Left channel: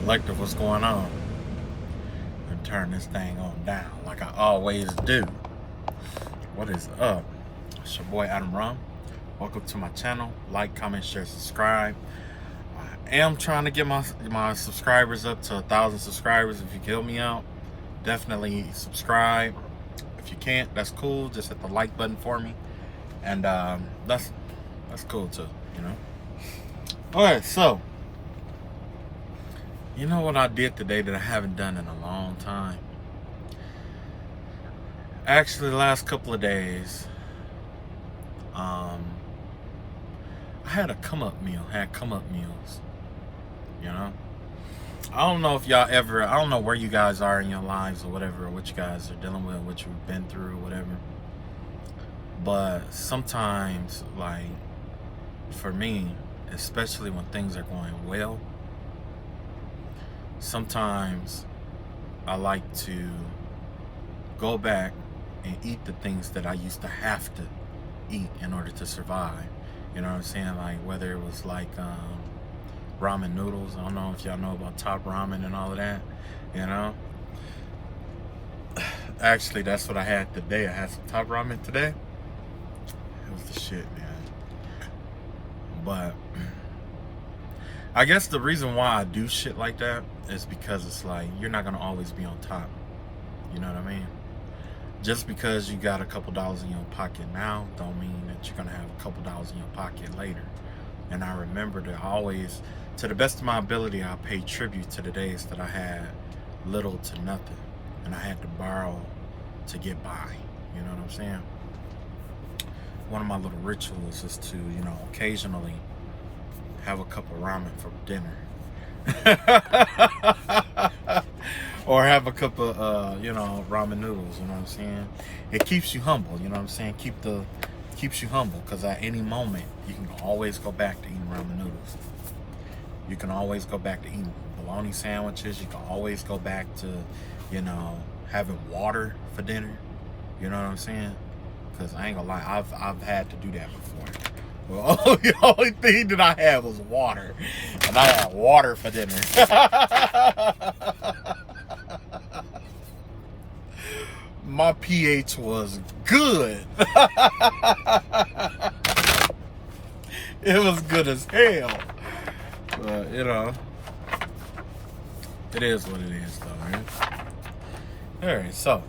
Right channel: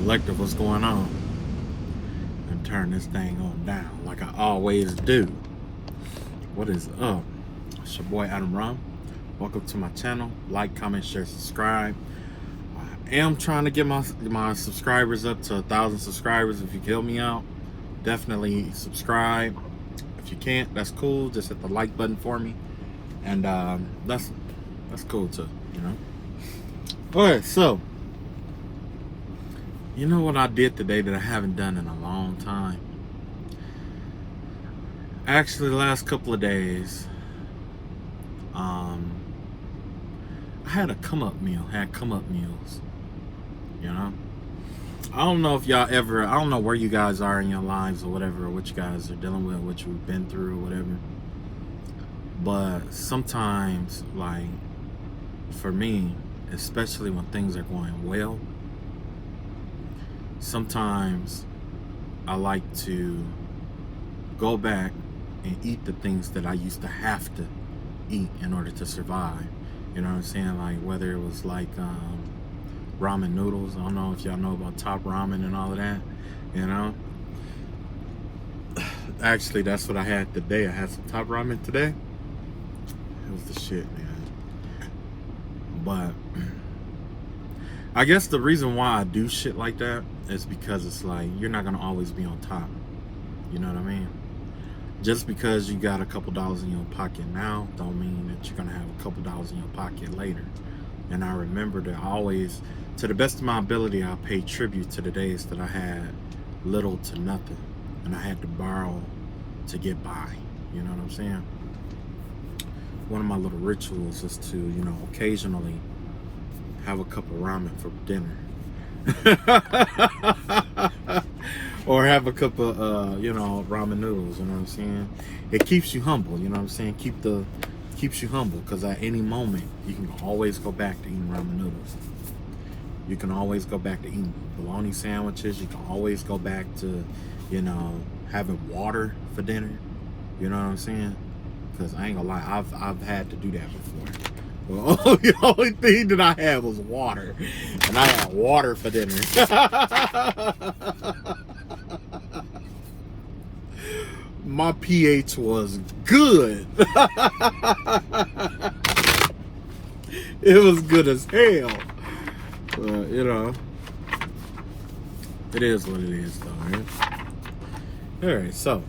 Collective, what's going on? And turn this thing on down like I always do. What is up? It's your boy Adam Rum. Welcome to my channel. Like, comment, share, subscribe. I am trying to get my subscribers up to 1,000 subscribers. If you can help me out, definitely subscribe. If you can't, that's cool. Just hit the like button for me, and that's cool too. You know. All right, so. You know what I did today that I haven't done in a long time? Actually, the last couple of days, I had a come-up meal, had come-up meals, you know? I don't know if y'all ever, I don't know where you guys are in your lives or whatever, or what you guys are dealing with, what you've been through or whatever. But sometimes, like, for me, especially when things are going well, sometimes I like to go back and eat the things that I used to have to eat in order to survive. You know what I'm saying? Like whether it was like ramen noodles. I don't know if y'all know about Top Ramen and all of that. You know? Actually, that's what I had today. I had some Top Ramen today. It was the shit, man. But I guess the reason why I do shit like that is because it's like you're not gonna always be on top. You know what I mean? Just because you got a couple dollars in your pocket now don't mean that you're gonna have a couple dollars in your pocket later. And I remember that I always, to the best of my ability, I paid tribute to the days that I had little to nothing and I had to borrow to get by. You know what I'm saying? One of my little rituals is to, you know, occasionally have a cup of ramen for dinner. Or have a cup of you know, ramen noodles. You know what I'm saying? It keeps you humble. You know what I'm saying? Keeps you humble, because at any moment you can always go back to eating ramen noodles. You can always go back to eating bologna sandwiches. You can always go back to, you know, having water for dinner. You know what I'm saying? Because I ain't gonna lie, I've had to do that before. Well, the only thing that I had was water, and I had water for dinner. My pH was good. It was good as hell. But, you know, it is what it is, though, right? Alright, so,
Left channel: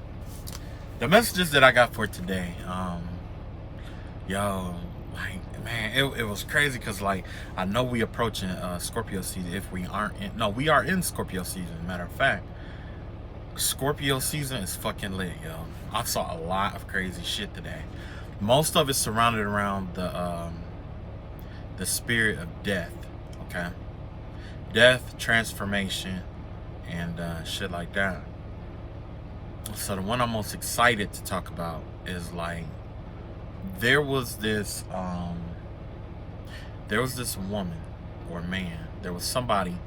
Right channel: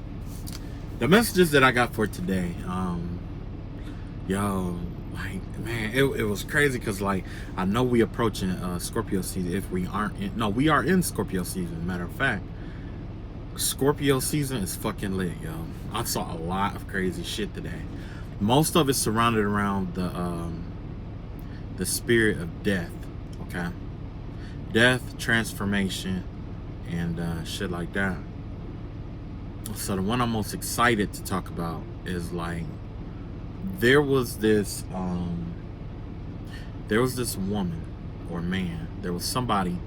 the messages that I got for today, yo, like, man, it was crazy, because, like, I know we approaching Scorpio season. If we aren't in, no, we are in Scorpio season. Matter of fact, Scorpio season is fucking lit, yo. I saw a lot of crazy shit today. Most of it surrounded around the spirit of death, okay? Death, transformation, and shit like that. So the one I'm most excited to talk about is, like, there was this woman or man, there was somebody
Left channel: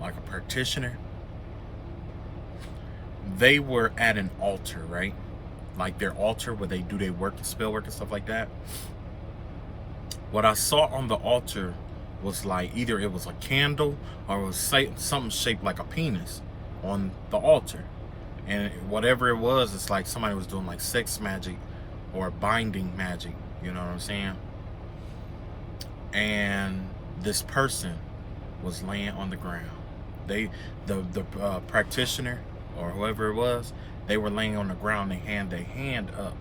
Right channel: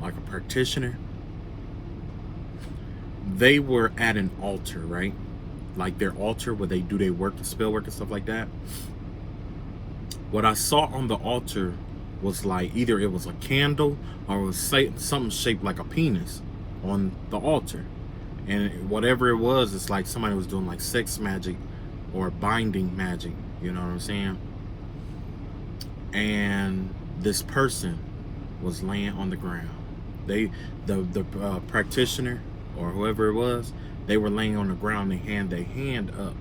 like a practitioner. They were at an altar, right? Like their altar where they do their work and spell work and stuff like that. What I saw on the altar was like either it was a candle or it was something shaped like a penis on the altar. And whatever it was, it's like somebody was doing like sex magic or binding magic, you know what I'm saying? And this person was laying on the ground. The practitioner or whoever it was, they were laying on the ground. They had their hand up,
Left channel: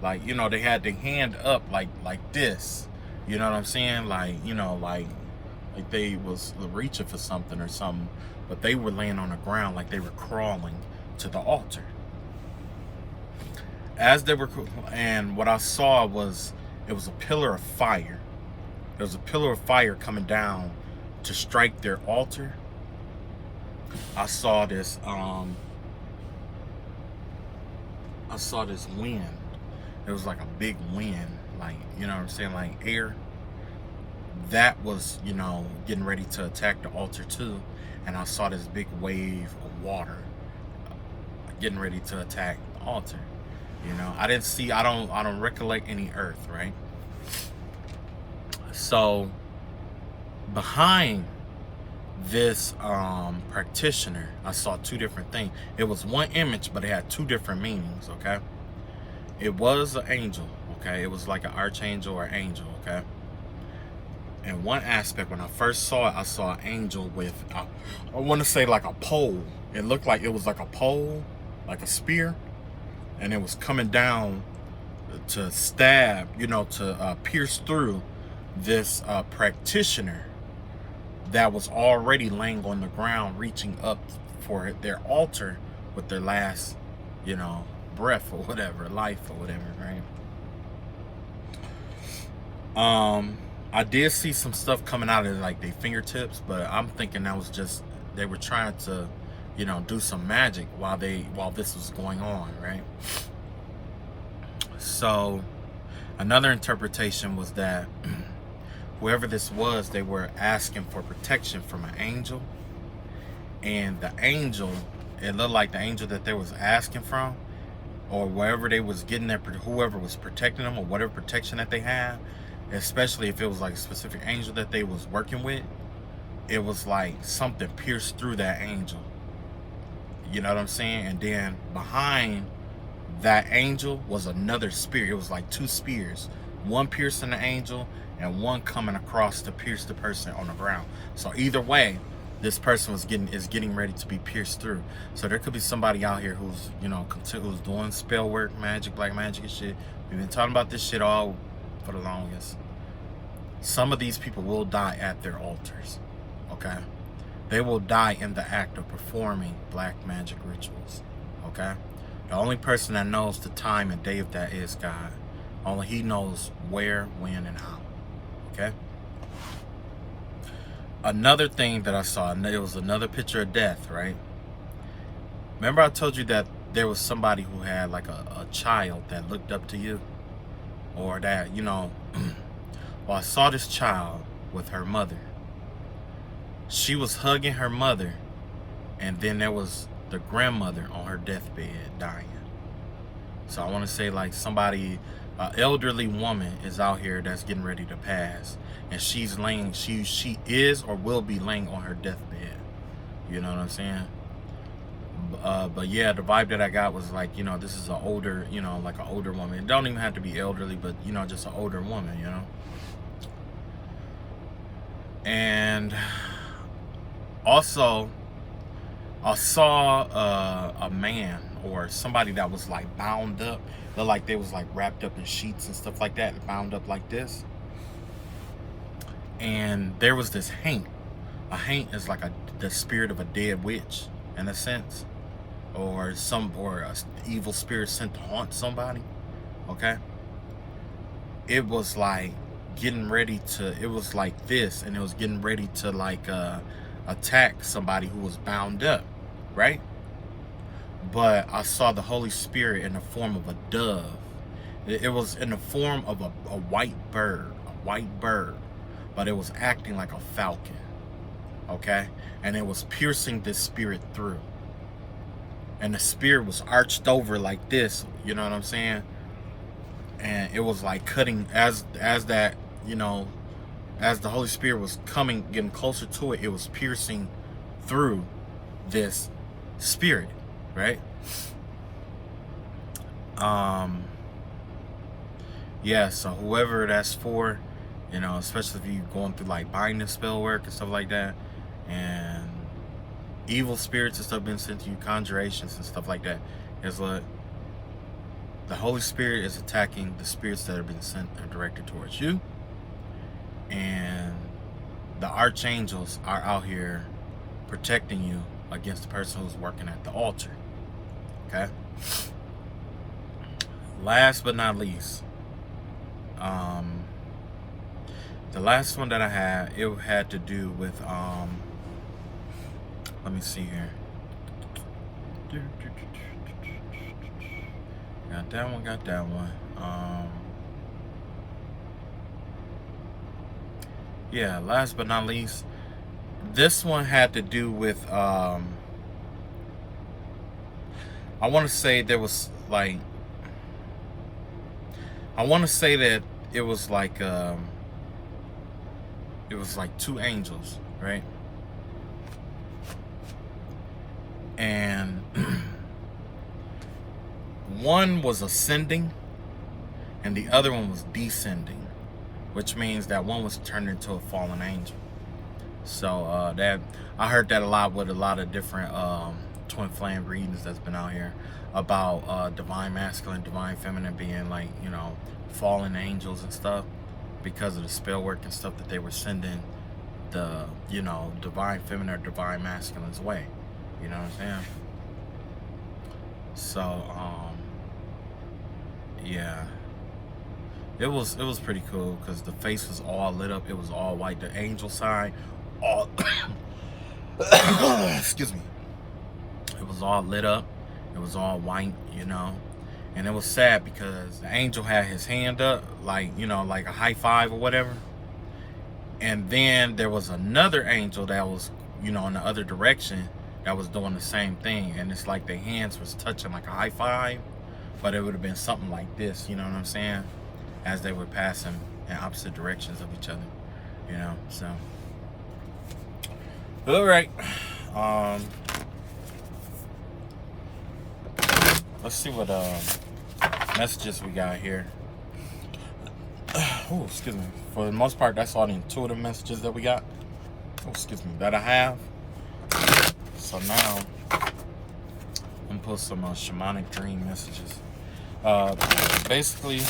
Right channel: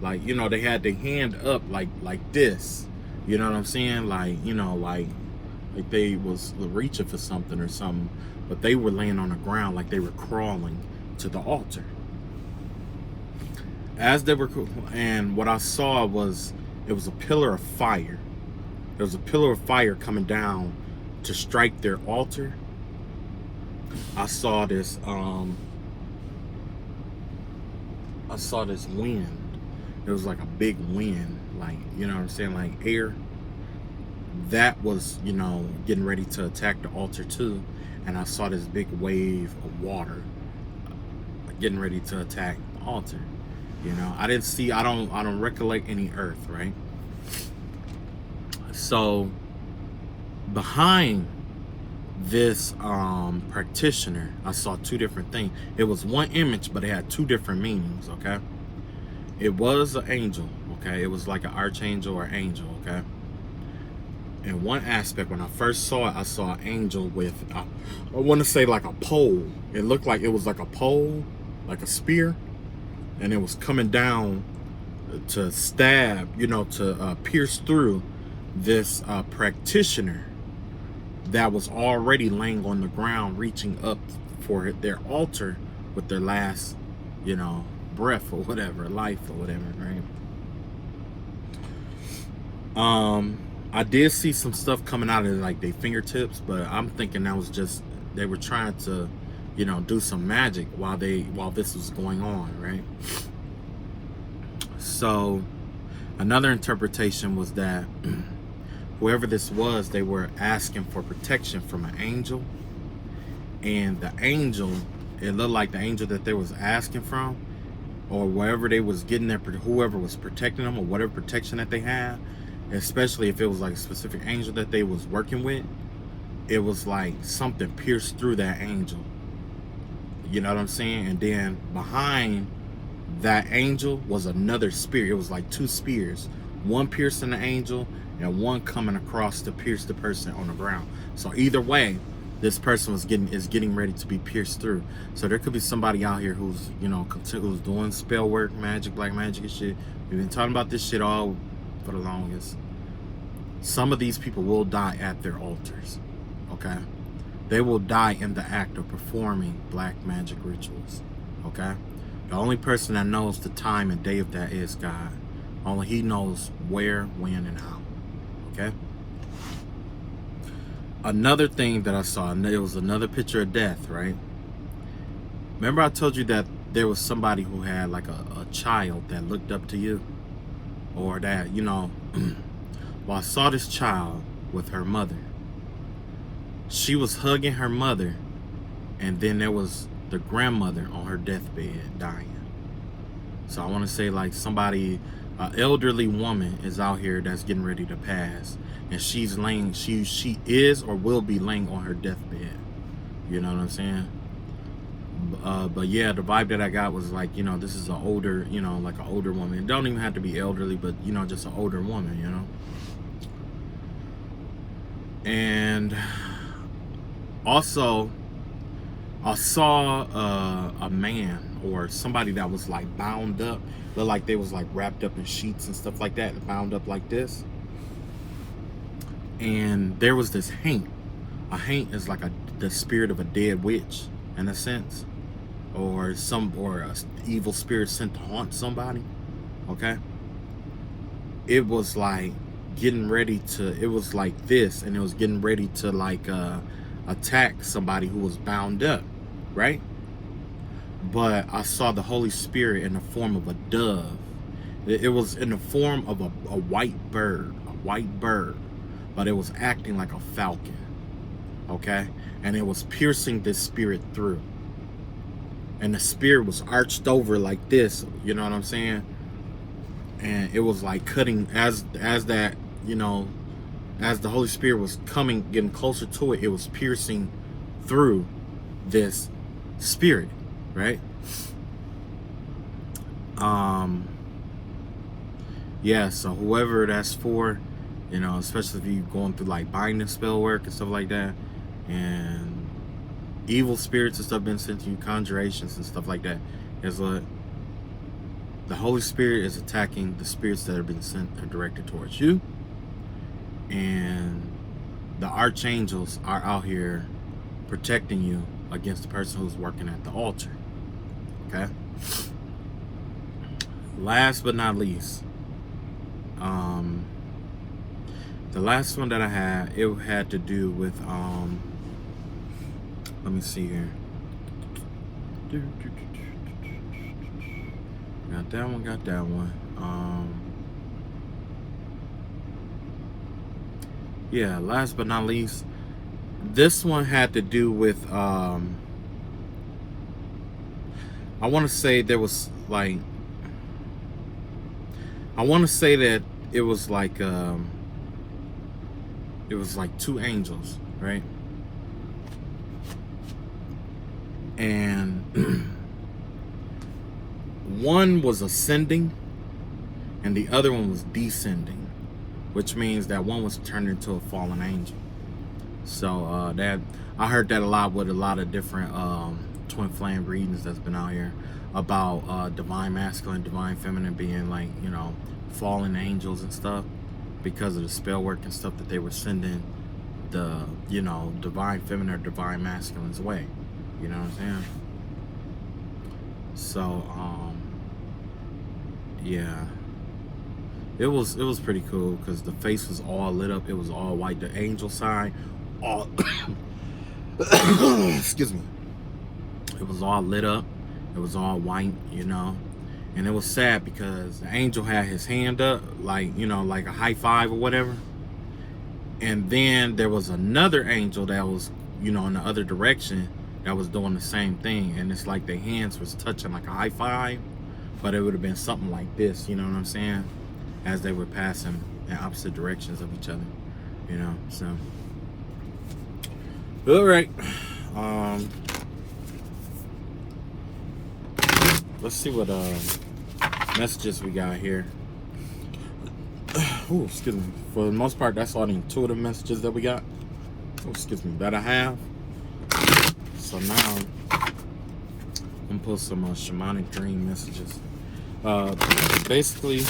like, you know, they had their hand up like this, you know what I'm saying? Like, you know, like they was reaching for something or something, but they were laying on the ground like they were crawling to the altar. As they were, and what I saw was, it was a pillar of fire. There was a pillar of fire coming down to strike their altar. I saw this wind. It was like a big wind, like, you know what I'm saying, like air that was, you know, getting ready to attack the altar too. And I saw this big wave of water getting ready to attack the altar. You know, I don't recollect any earth, right? So behind this practitioner. I saw two different things. It was one image, but it had two different meanings. Okay, it was an angel. Okay, it was like an archangel or angel. Okay, and one aspect, when I first saw it, I saw an angel with I want to say like a pole. It looked like it was like a pole, like a spear, and it was coming down to stab, you know, to pierce through this practitioner that was already laying on the ground, reaching up for their altar with their last, you know, breath or whatever, life or whatever, right? I did see some stuff coming out of like their fingertips, but I'm thinking that was just they were trying to, you know, do some magic while this was going on, right? So another interpretation was that whoever this was, they were asking for protection from an angel, and the angel, it looked like the angel that they was asking from, or wherever they was getting their, whoever was protecting them, or whatever protection that they had, especially if it was like a specific angel that they was working with, it was like something pierced through that angel. You know what I'm saying? And then behind that angel was another spear. It was like two spears, one piercing the angel and one coming across to pierce the person on the ground. So either way, this person is getting ready to be pierced through. So there could be somebody out here who's, you know, who's doing spell work, magic, black magic and shit. We've been talking about this shit all for the longest. Some of these people will die at their altars. Okay, they will die in the act of performing black magic rituals. Okay, the only person that knows the time and day of that is God. Only He knows where, when, and how. Okay. Another thing that I saw, and it was another picture of death, right? Remember I told you that there was somebody who had like a child that looked up to you, or that, you know, well, I saw this child with her mother. She was hugging her mother, and then there was the grandmother on her deathbed dying. So I want to say like somebody, an elderly woman is out here that's getting ready to pass, and she's laying, she is or will be laying on her deathbed. You know what I'm saying? But yeah, the vibe that I got was like, you know, this is an older, you know, like an older woman. It don't even have to be elderly, but you know, just an older woman, you know. And also, I saw a man or somebody that was like bound up. Looked like they was like wrapped up in sheets and stuff like that, bound up like this. And there was this haint. A haint is like the spirit of a dead witch, in a sense, or a evil spirit sent to haunt somebody. Okay. It was like getting ready to. It was like this, and it was getting ready to like attack somebody who was bound up, right? But I saw the Holy Spirit in the form of a dove. It was in the form of a white bird, but it was acting like a falcon, okay? And it was piercing this spirit through. And the spirit was arched over like this, you know what I'm saying? And it was like cutting, as that, you know, as the Holy Spirit was coming, getting closer to it, it was piercing through this spirit, right? Yeah, so whoever that's for, you know, especially if you're going through like binding spell work and stuff like that, and evil spirits and stuff been sent to you, conjurations and stuff like that, is like the Holy Spirit is attacking the spirits that have been sent or directed towards you, and the archangels are out here protecting you against the person who's working at the altar. Okay. Last but not least, the last one that I had, it had to do with let me see here. Got that one. Yeah, last but not least, this one had to do with I want to say there was like, I want to say that it was like two angels, right? and one was ascending and the other one was descending, which means that one was turned into a fallen angel. So that I heard that a lot with a lot of different twin flame readings that's been out here about divine masculine, divine feminine being like, you know, fallen angels and stuff, because of the spell work and stuff that they were sending the, you know, divine feminine or divine masculine's way. You know what I'm saying? So yeah, it was pretty cool because the face was all lit up. It was all white. The angel side, all excuse me. It was all lit up. It was all white, you know. And it was sad because the angel had his hand up, like, you know, like a high five or whatever. And then there was another angel that was, you know, in the other direction that was doing the same thing. And it's like their hands was touching like a high five, but it would have been something like this, you know what I'm saying? As they were passing in opposite directions of each other, you know, so. All right. Let's see what messages we got here. Oh, excuse me. For the most part, that's all the intuitive messages that we got. Oh, excuse me, that I have. So now I'm gonna put some shamanic dream messages. Basically,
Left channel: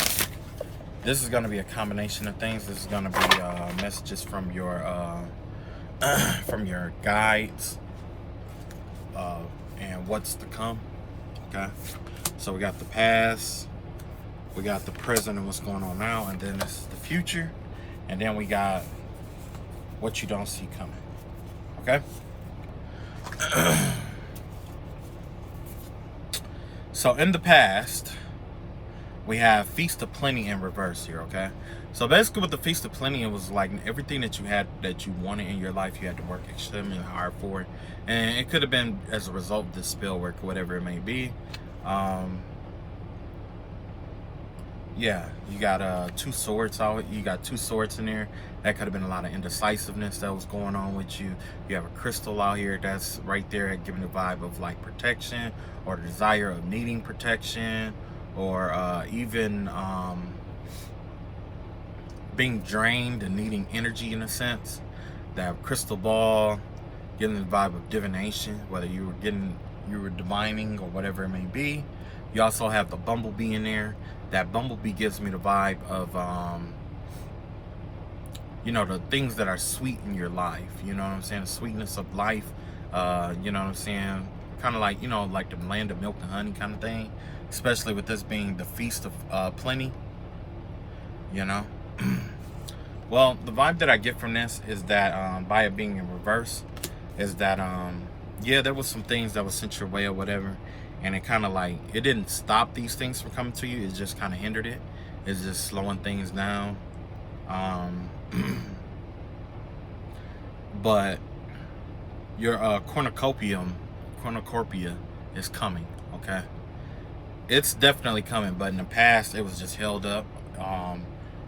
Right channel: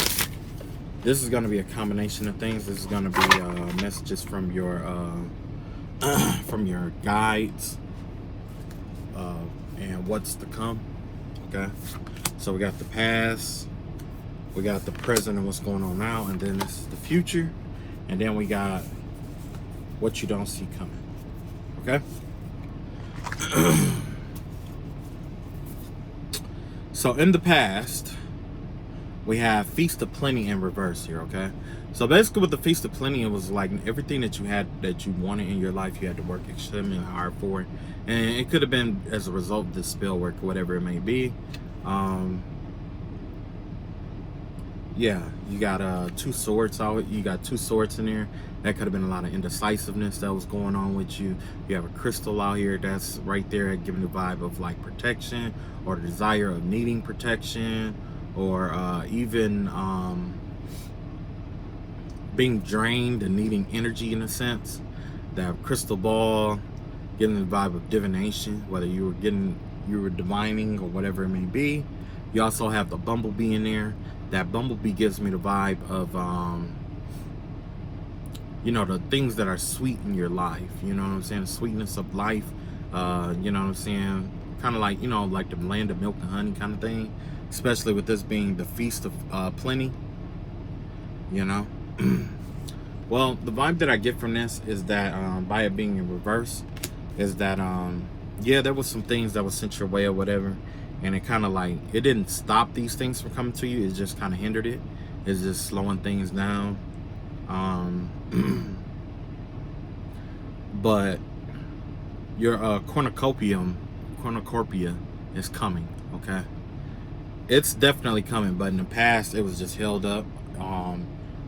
this is gonna be a combination of things. This is gonna be messages from your guides and what's to come. Okay, so we got the past, we got the present and what's going on now, and then this is the future, and then we got what you don't see coming. Okay. So in the past, we have Feast of Plenty in reverse here. Okay, so basically with the Feast of Plenty, it was like everything that you had, that you wanted in your life, you had to work extremely hard for it. And it could have been as a result of this spell work or whatever it may be. Yeah, you got 2 swords out. You got 2 swords in there. That could have been a lot of indecisiveness that was going on with you. You have a crystal out here that's right there giving the vibe of like protection, or the desire of needing protection, or even being drained and needing energy in a sense. That crystal ball giving the vibe of divination, whether you were divining or whatever it may be. You also have the bumblebee in there. That bumblebee gives me the vibe of you know, the things that are sweet in your life, you know what I'm saying, the sweetness of life, you know what I'm saying, kind of like, you know, like the land of milk and honey kind of thing, especially with this being the Feast of Plenty, you know. Well, the vibe that I get from this is that by it being in reverse, is that yeah, there was some things that was sent your way or whatever, and it kind of like, it didn't stop these things from coming to you, it just kind of hindered it. It's just slowing things down. But your cornucopia is coming. Okay, it's definitely coming, but in the past it was just held up.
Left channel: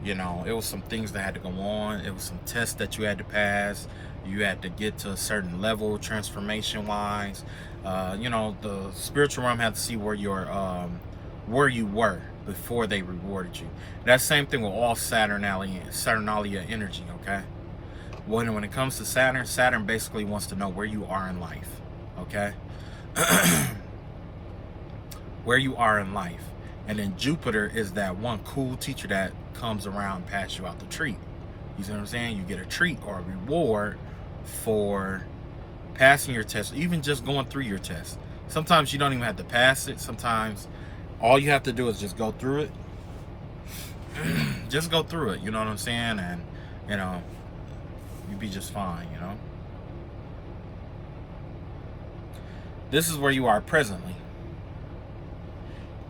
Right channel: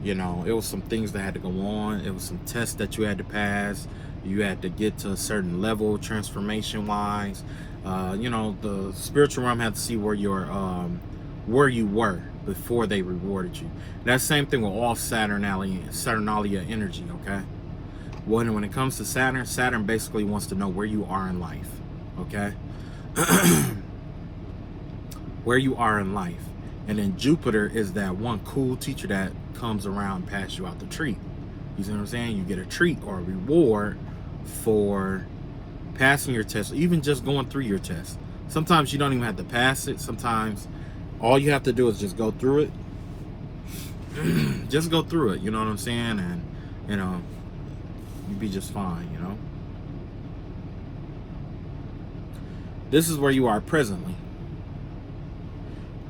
You know, it was some things that had to go on. It was some tests that you had to pass. You had to get to a certain level transformation wise. You know, the spiritual realm had to see where you were before they rewarded you. And that same thing with all Saturnalia energy. Okay, when it comes to Saturn basically wants to know where you are in life. Okay. Where you are in life. And then Jupiter is that one cool teacher that comes around and pass you out the treat. You see what I'm saying? You get a treat or a reward for passing your test, or even just going through your test. Sometimes you don't even have to pass it. Sometimes all you have to do is just go through it. Just go through it, you know what I'm saying? And, you know, you'd be just fine, you know? This is where you are presently.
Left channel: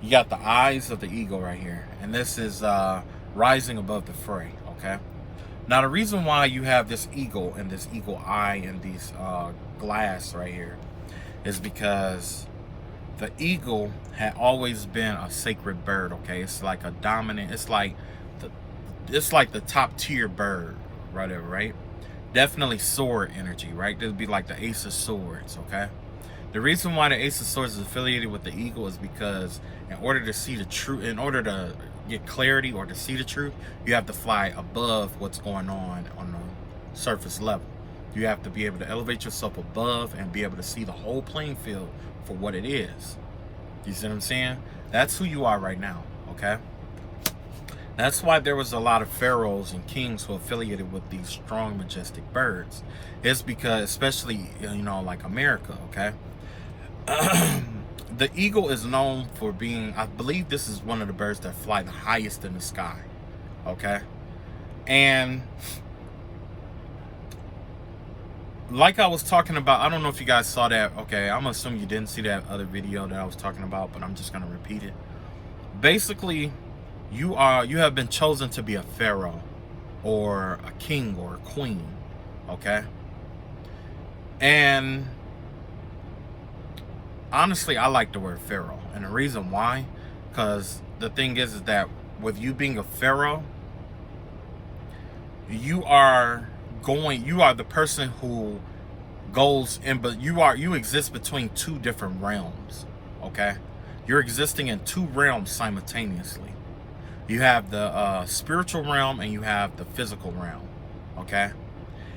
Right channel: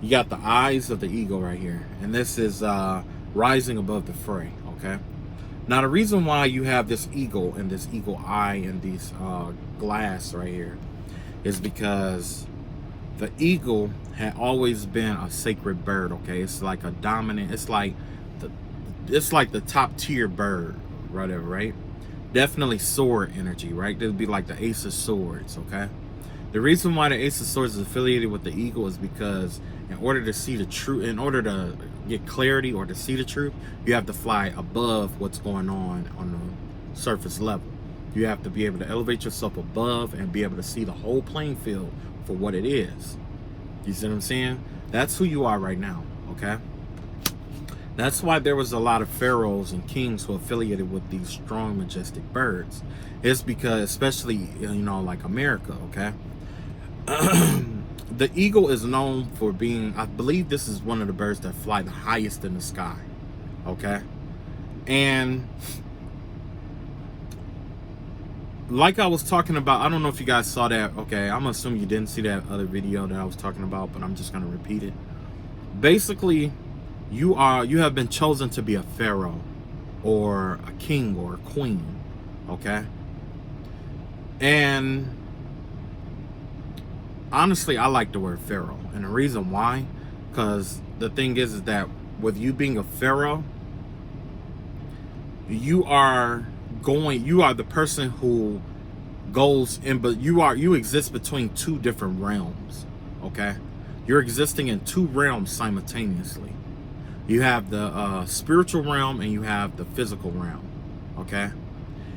You got the eyes of the eagle right here, and this is rising above the fray. Okay, now the reason why you have this eagle and this eagle eye and these glass right here is because the eagle had always been a sacred bird. Okay, it's like a dominant, it's like the top tier bird, whatever, right? Definitely sword energy, right? This would be like the Ace of Swords. Okay, The reason why the Ace of Swords is affiliated with the eagle is because in order to see the truth, in order to get clarity or to see the truth, you have to fly above what's going on the surface level. You have to be able to elevate yourself above and be able to see the whole playing field for what it is. You see what I'm saying? That's who you are right now, okay? That's why there was a lot of pharaohs and kings who affiliated with these strong, majestic birds. It's because, especially, you know, like America, okay? The eagle is known for being, I believe this is one of the birds that fly the highest in the sky, okay? And like I was talking about, I don't know if you guys saw that, okay? I'm assuming you didn't see that other video that I was talking about, but I'm just gonna repeat it. Basically, you have been chosen to be a pharaoh or a king or a queen, okay? And honestly, I like the word pharaoh, and the reason why, because the thing is that with you being a pharaoh, you are the person who goes in, but you exist between two different realms, okay? You're existing in two realms simultaneously. You have the spiritual realm and you have the physical realm, okay?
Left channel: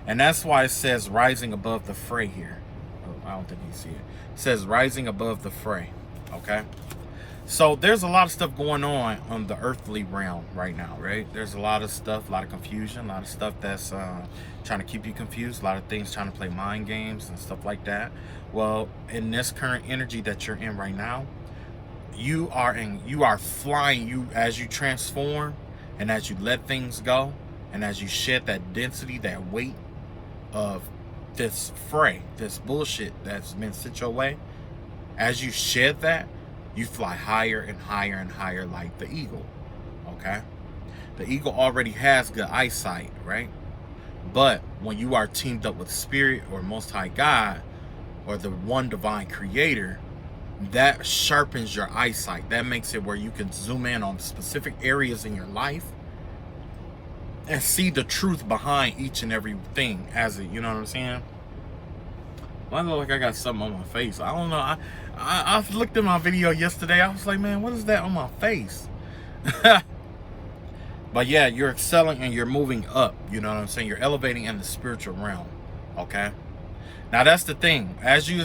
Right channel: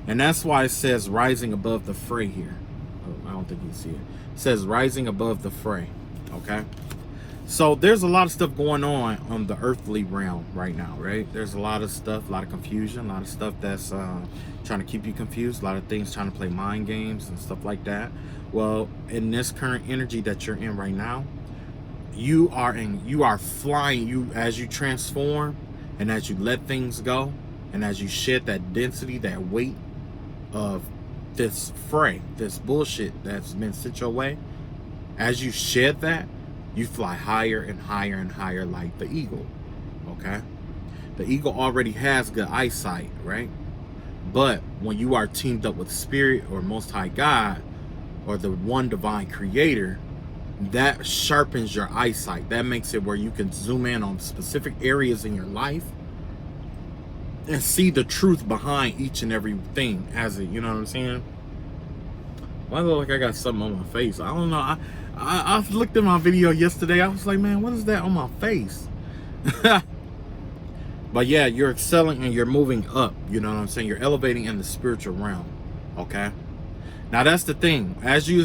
And that's why it says rising above the fray here. Oh, I don't think you see it. It says rising above the fray, okay? So there's a lot of stuff going on the earthly realm right now, right? There's a lot of stuff, a lot of confusion, a lot of stuff that's trying to keep you confused, a lot of things trying to play mind games and stuff like that. Well, in this current energy that you're in right now, you are flying. As you transform and as you let things go and as you shed that density, that weight of this fray, this bullshit that's been sent your way, as you shed that, you fly higher and higher and higher like the eagle, okay? The eagle already has good eyesight, right? But when you are teamed up with Spirit or Most High God or the one divine creator, that sharpens your eyesight. That makes it where you can zoom in on specific areas in your life and see the truth behind each and every thing as it, you know what I'm saying? Well, I look like I got something on my face. I don't know. I looked at my video yesterday. I was like, man, what is that on my face? But yeah, you're excelling and you're moving up. You know what I'm saying? You're elevating in the spiritual realm. Okay. Now that's the thing. As you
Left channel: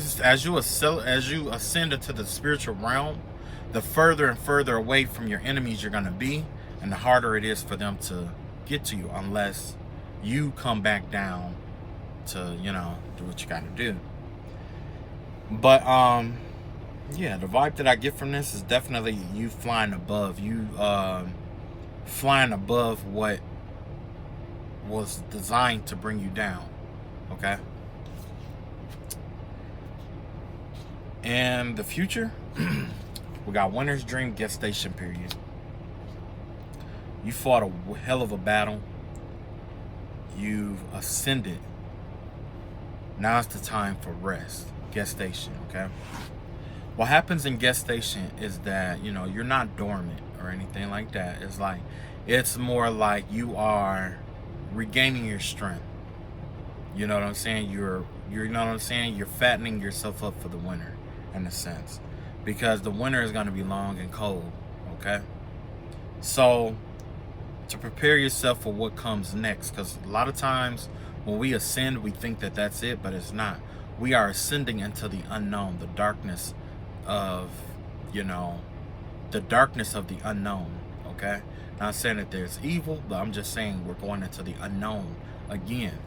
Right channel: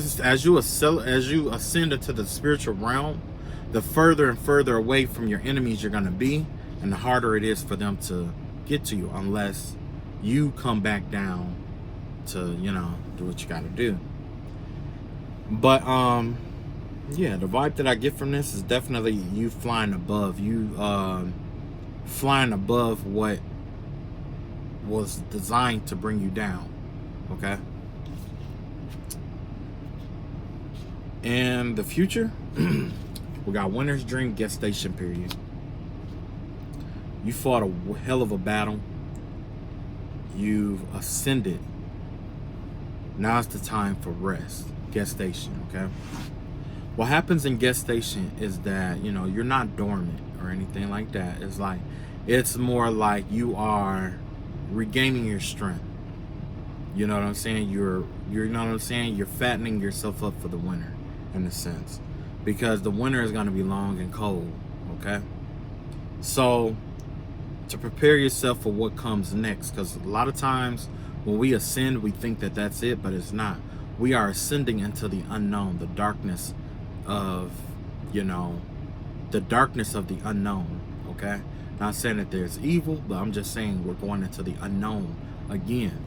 ascend into the spiritual realm, the further and further away from your enemies you're gonna be, and the harder it is for them to get to you, unless you come back down to, you know, do what you gotta do. But yeah, the vibe that I get from this is definitely you flying above. You flying above what was designed to bring you down. Okay. And the future, we got Winter's Dream gestation period. You fought a hell of a battle. You've ascended. Now's the time for rest. Gestation, okay? What happens in gestation is that, you know, you're not dormant or anything like that. It's like, it's more like you are regaining your strength. You know what I'm saying? You know what I'm saying? You're fattening yourself up for the winter, in a sense, because the winter is going to be long and cold, okay? So to prepare yourself for what comes next, because a lot of times when we ascend, we think that that's it, but it's not. We are ascending into the unknown, the darkness of, you know, the darkness of the unknown, okay? Not saying that there's evil, but I'm just saying we're going into the unknown again.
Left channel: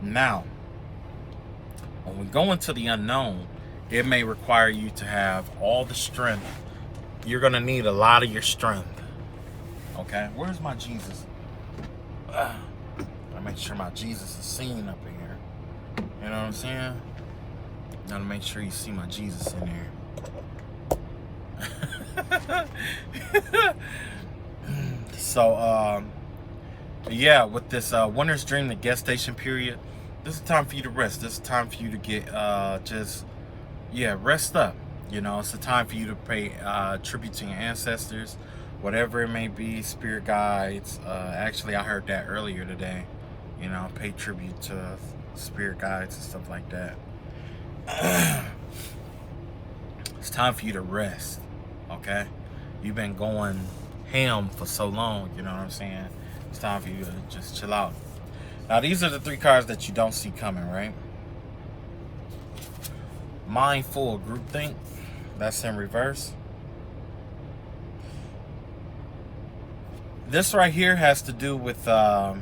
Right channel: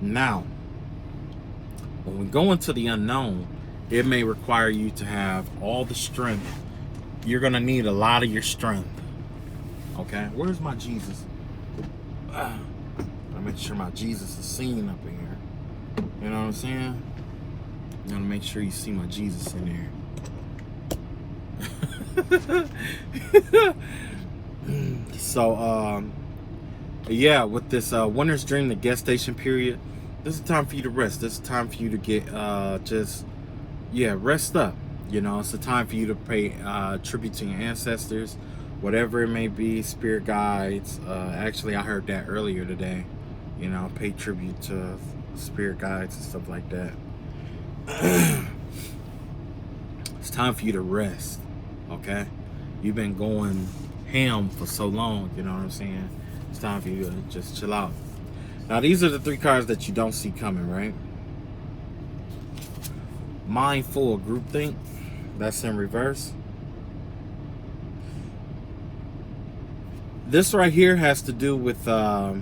Now, when we go into the unknown, it may require you to have all the strength. You're going to need a lot of your strength, okay? Where's my Jesus? I make sure my Jesus is seen up in here. You know what I'm saying? You gotta make sure you see my Jesus in there. So, yeah, with this Winter's Dream, the gestation period, this is time for you to rest. This is time for you to get, rest up. You know, it's a time for you to pay tribute to your ancestors, whatever it may be, spirit guides. Actually, I heard that earlier today. You know, pay tribute to spirit guides and stuff like that. It's time for you to rest, okay? You've been going ham for so long, you know what I'm saying? It's time for you to just chill out. Now, these are the 3 cards that you don't see coming, right? Mindful groupthink, that's in reverse. This right here has to do with, let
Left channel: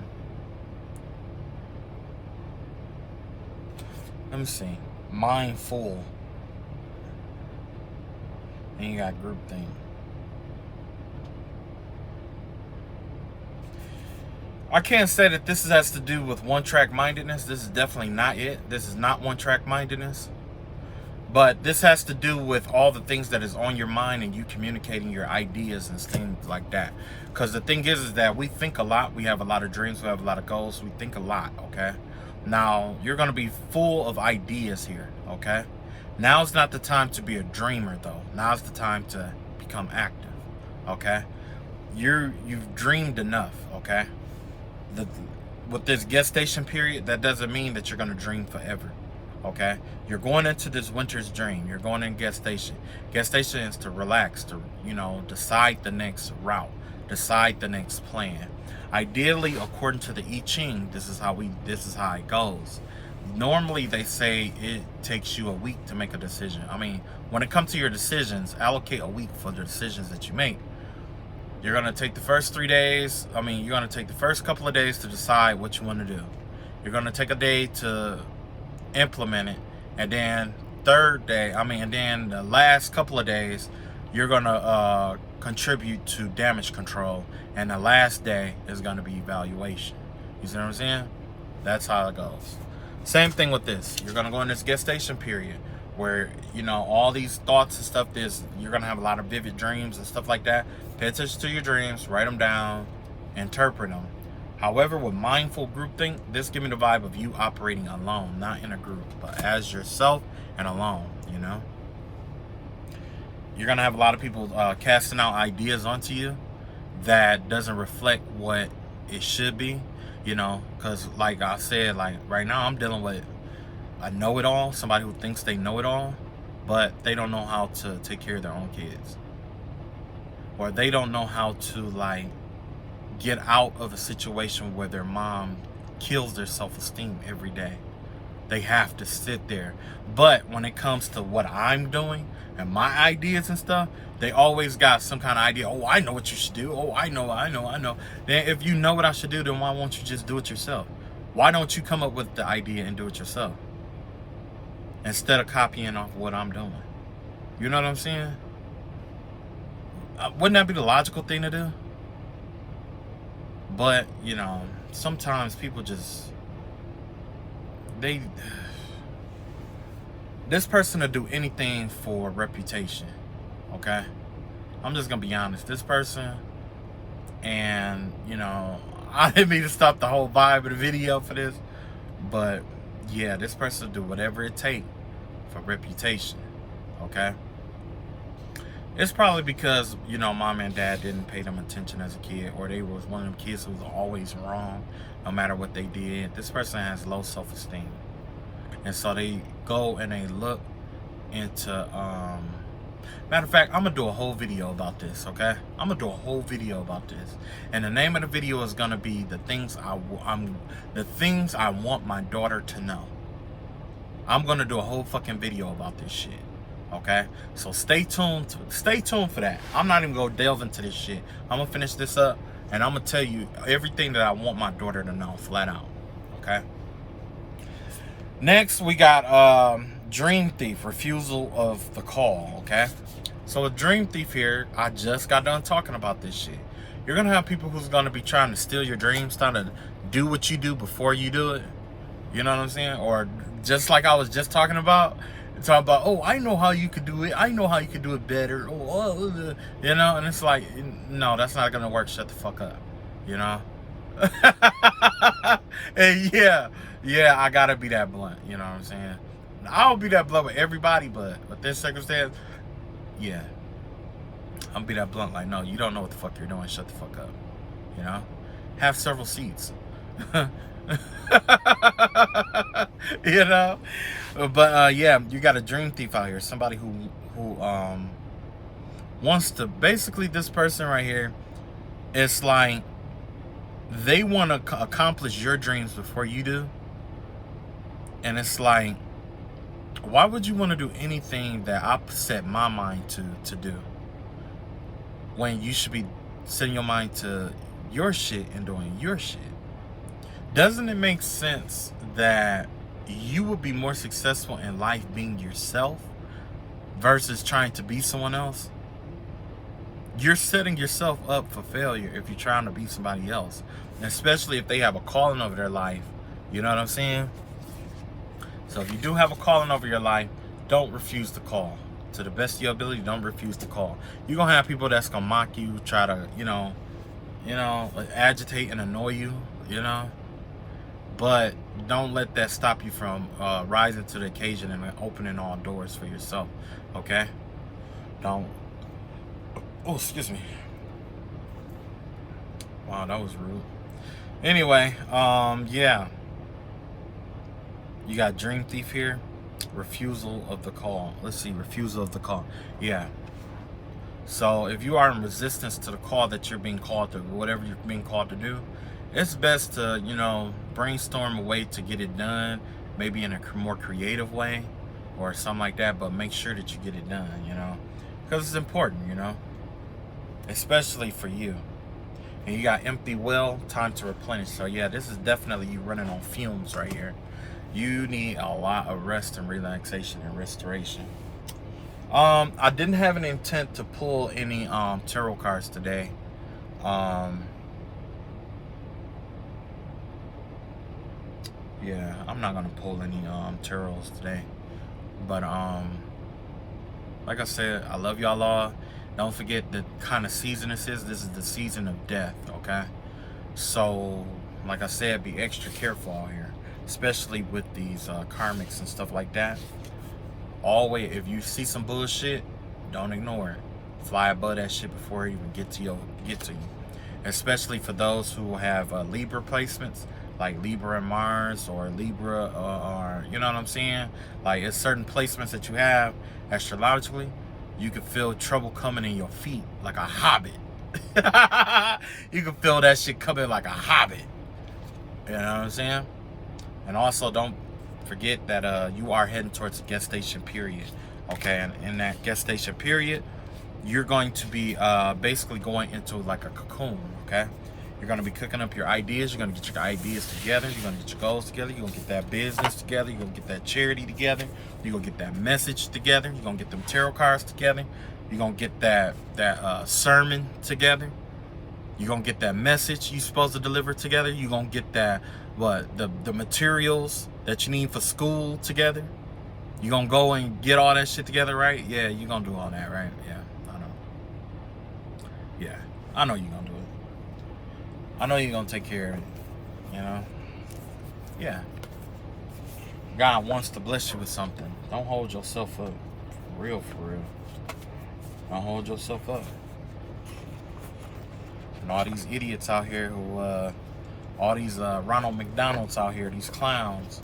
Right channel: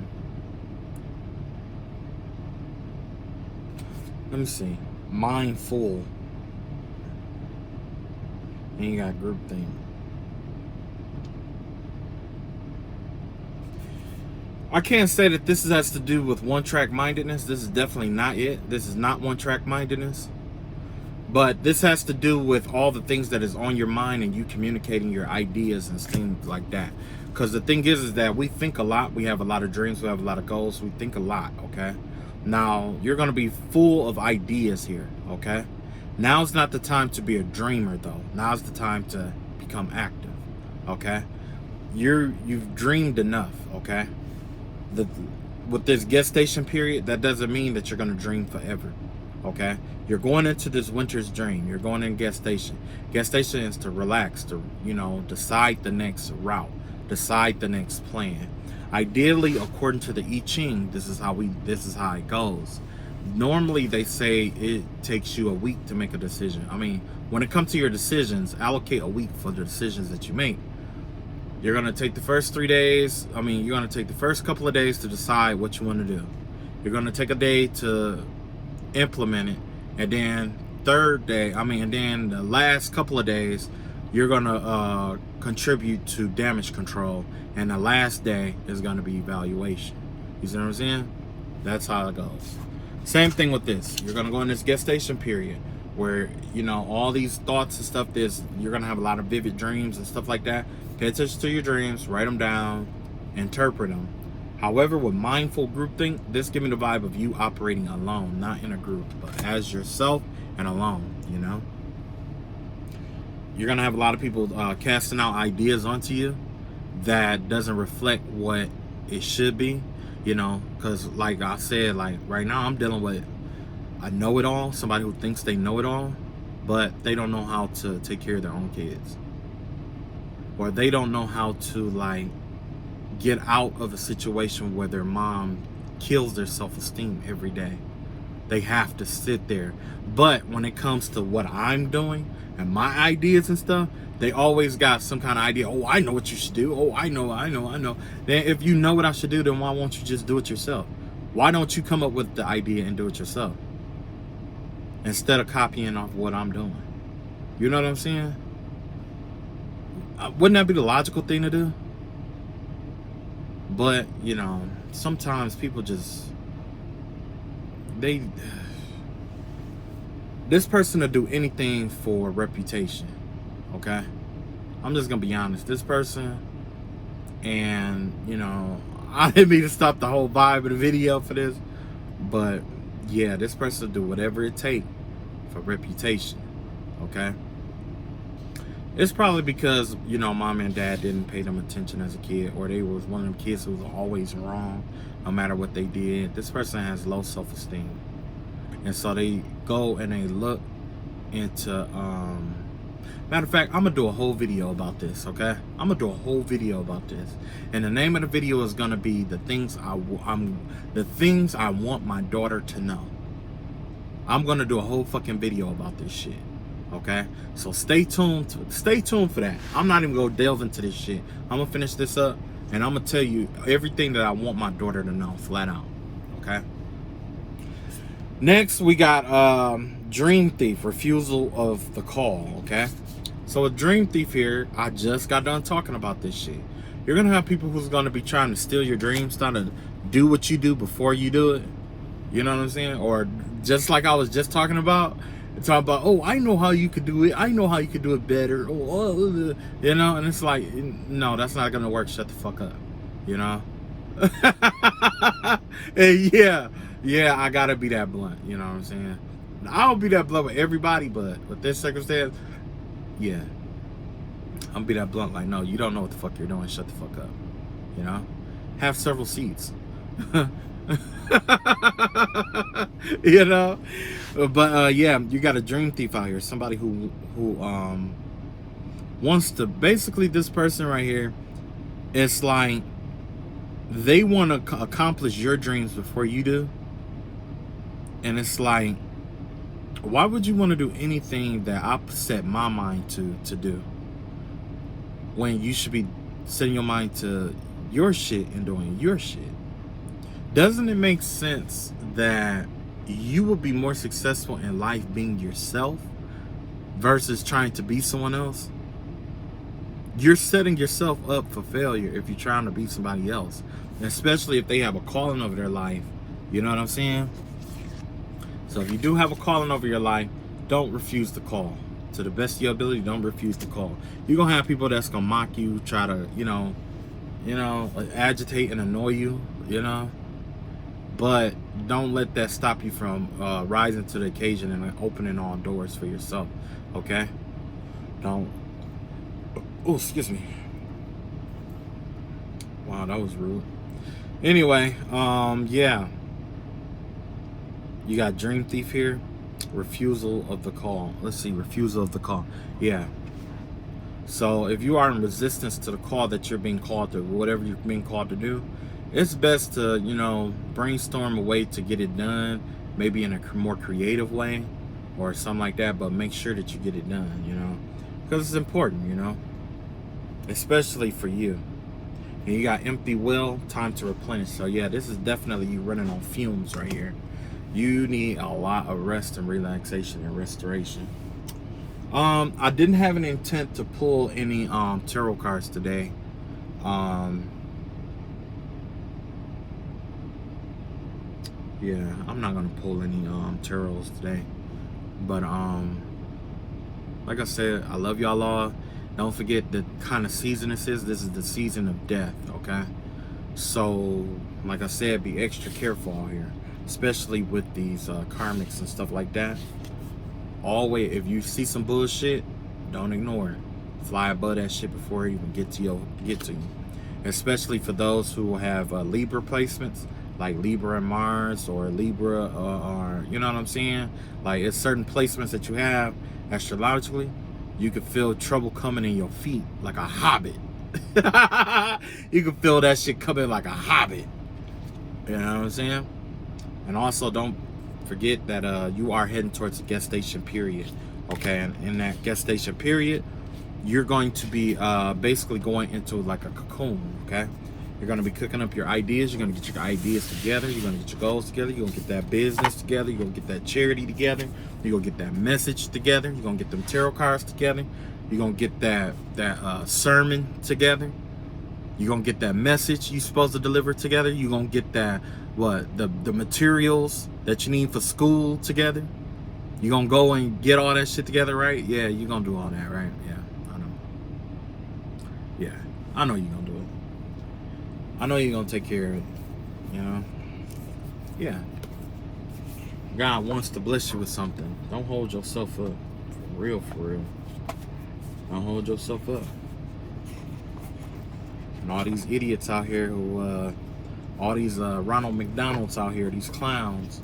me see, mindful. Then you got groupthink. I can't say that this has to do with one-track mindedness. This is definitely not it. This is not one-track mindedness. But this has to do with all the things that is on your mind and you communicating your ideas and things like that. Because the thing is that we think a lot. We have a lot of dreams. We have a lot of goals. We think a lot, okay? Now, you're going to be full of ideas here, okay? Now's not the time to be a dreamer, though. Now's the time to become active, okay? You've dreamed enough, okay? With this gestation period, that doesn't mean that you're going to dream forever, okay? You're going into this winter's dream. You're going in gestation. Gestation is to relax, to, you know, decide the next route, decide the next plan. Ideally, according to the I Ching, this is how it goes. Normally, they say it takes you a week to make a decision. I mean, when it comes to your decisions, allocate a week for the decisions that you make. You're going to take the first 3 days. I mean, you're going to take the first couple of days to decide what you want to do. You're going to take a day to implement it. And then and then the last couple of days, you're going to contribute to damage control. And the last day is going to be evaluation. You see what I'm saying? That's how it goes. Same thing with this. You're going to go in this gestation period where, you know, all these thoughts and stuff, you're going to have a lot of vivid dreams and stuff like that. Pay attention to your dreams, write them down, interpret them. However, with mindful groupthink, this gives me the vibe of you operating alone, not in a group, but as yourself and alone, you know? You're going to have a lot of people casting out ideas onto you that doesn't reflect what it should be, you know? Because like I said, like right now I'm dealing with a know-it-all, somebody who thinks they know it all, but they don't know how to take care of their own kids. Or they don't know how to like get out of a situation where their mom kills their self-esteem every day. They have to sit there. But when it comes to what I'm doing and my ideas and stuff, they always got some kind of idea. Oh, I know what you should do. Oh, I know. Then if you know what I should do, then why won't you just do it yourself? Why don't you come up with the idea and do it yourself? Instead of copying off what I'm doing. You know what I'm saying? Wouldn't that be the logical thing to do? But, you know, sometimes people just, this person will do anything for reputation, okay? I'm just gonna be honest. This person, and, you know, I didn't mean to stop the whole vibe of the video for this, but, yeah, this person will do whatever it takes for reputation, okay? It's probably because, you know, mom and dad didn't pay them attention as a kid, or they was one of them kids who was always wrong no matter what they did. This person has low self-esteem. And so they go and they look into, matter of fact, I'm going to do a whole video about this, okay? I'm going to do a whole video about this. And the name of the video is going to be the things I want my daughter to know. I'm going to do a whole fucking video about this shit. Okay, so stay tuned for that. I'm not even gonna delve into this shit. I'm gonna finish this up and I'm gonna tell you everything that I want my daughter to know, flat out. Okay, next we got dream thief, refusal of the call. Okay, so a dream thief here, I just got done talking about this shit. You're gonna have people who's gonna be trying to steal your dreams, trying to do what you do before you do it. You know what I'm saying? Or just like I was just talking about, oh, I know how you could do it. I know how you could do it better. Oh, you know, and it's like, no, that's not gonna work. Shut the fuck up. You know? And yeah, I gotta be that blunt. You know what I'm saying? I'll be that blunt with everybody, but with this circumstance, yeah, I'm gonna be that blunt. Like, no, you don't know what the fuck you're doing. Shut the fuck up. You know? Have several seats. You know? But yeah, you got a dream thief out here. Somebody who wants to, basically this person right here, it's like they want to accomplish your dreams before you do. And it's like, why would you want to do anything that I set my mind to do, when you should be setting your mind to your shit and doing your shit? Doesn't it make sense that you will be more successful in life being yourself versus trying to be someone else? You're setting yourself up for failure if you're trying to be somebody else, especially if they have a calling over their life. You know what I'm saying? So if you do have a calling over your life, don't refuse to call. To the best of your ability, don't refuse to call. You're gonna have people that's gonna mock you, try to, you know, agitate and annoy you, you know. But don't let that stop you from rising to the occasion and opening all doors for yourself. Okay? Don't. Oh, excuse me. Wow, that was rude. Anyway, yeah. You got Dream Thief here. Refusal of the call. Let's see, refusal of the call. Yeah. So if you are in resistance to the call that you're being called to, whatever you're being called to do, it's best to, you know, brainstorm a way to get it done, maybe in a more creative way or something like that, but make sure that you get it done, you know, because it's important, you know, especially for you. And you got empty will, time to replenish. So yeah, this is definitely you running on fumes right here. You need a lot of rest and relaxation and restoration. I didn't have an intent to pull any tarot cards today. Yeah, I'm not gonna pull any tarots today. But like I said, I love y'all all. Don't forget the kind of season this is. This is the season of death, okay? So, like I said, be extra careful out here, especially with these karmics and stuff like that. Always, if you see some bullshit, don't ignore it. Fly above that shit before it even get to you. Especially for those who have Libra placements, like Libra and Mars, or Libra, or you know what I'm saying? Like, it's certain placements that you have astrologically, you can feel trouble coming in your feet like a hobbit. You can feel that shit coming like a hobbit. You know what I'm saying? And also, don't forget that you are heading towards the gestation period. Okay, and in that gestation period, you're going to be basically going into like a cocoon. Okay, you're going to be cooking up your ideas. You're going to get your ideas together. You're going to get your goals together. You're going to get that business together. You're going to get that charity together. You're going to get that message together. You're going to get them tarot cards together. You're going to get that sermon together. You're going to get that message you're supposed to deliver together. You're going to get that, the materials that you need for school together. You're going to go and get all that shit together, right? Yeah, you're going to do all that, right? Yeah, I know. Yeah, I know you're going to do it. I know you're going to take care of it, you know? Yeah. God wants to bless you with something. Don't hold yourself up. For real. Don't hold yourself up. And all these idiots out here who, all these Ronald McDonald's out here, these clowns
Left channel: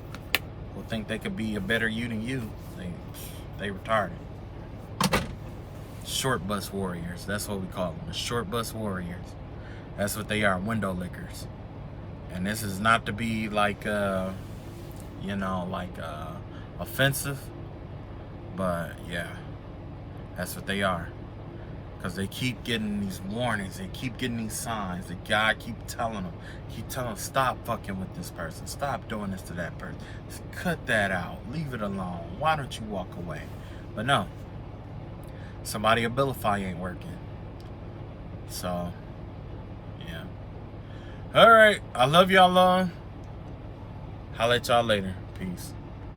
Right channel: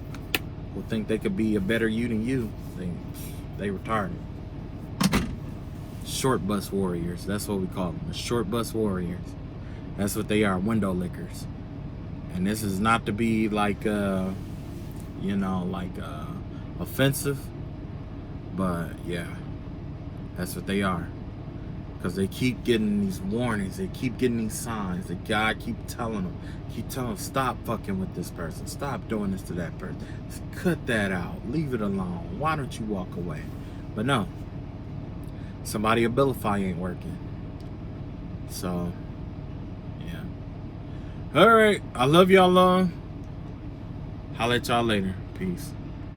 who think they could be a better you than you, they retarded. Short bus warriors, that's what we call them, the short bus warriors. That's what they are, window lickers. And this is not to be like, you know, like offensive, but yeah, that's what they are. Because they keep getting these warnings, they keep getting these signs. The guy keep telling them, stop fucking with this person, stop doing this to that person, just cut that out, leave it alone, why don't you walk away? But no, somebody Abilify ain't working. So yeah, all right, I love y'all long. Holla at y'all later. Peace.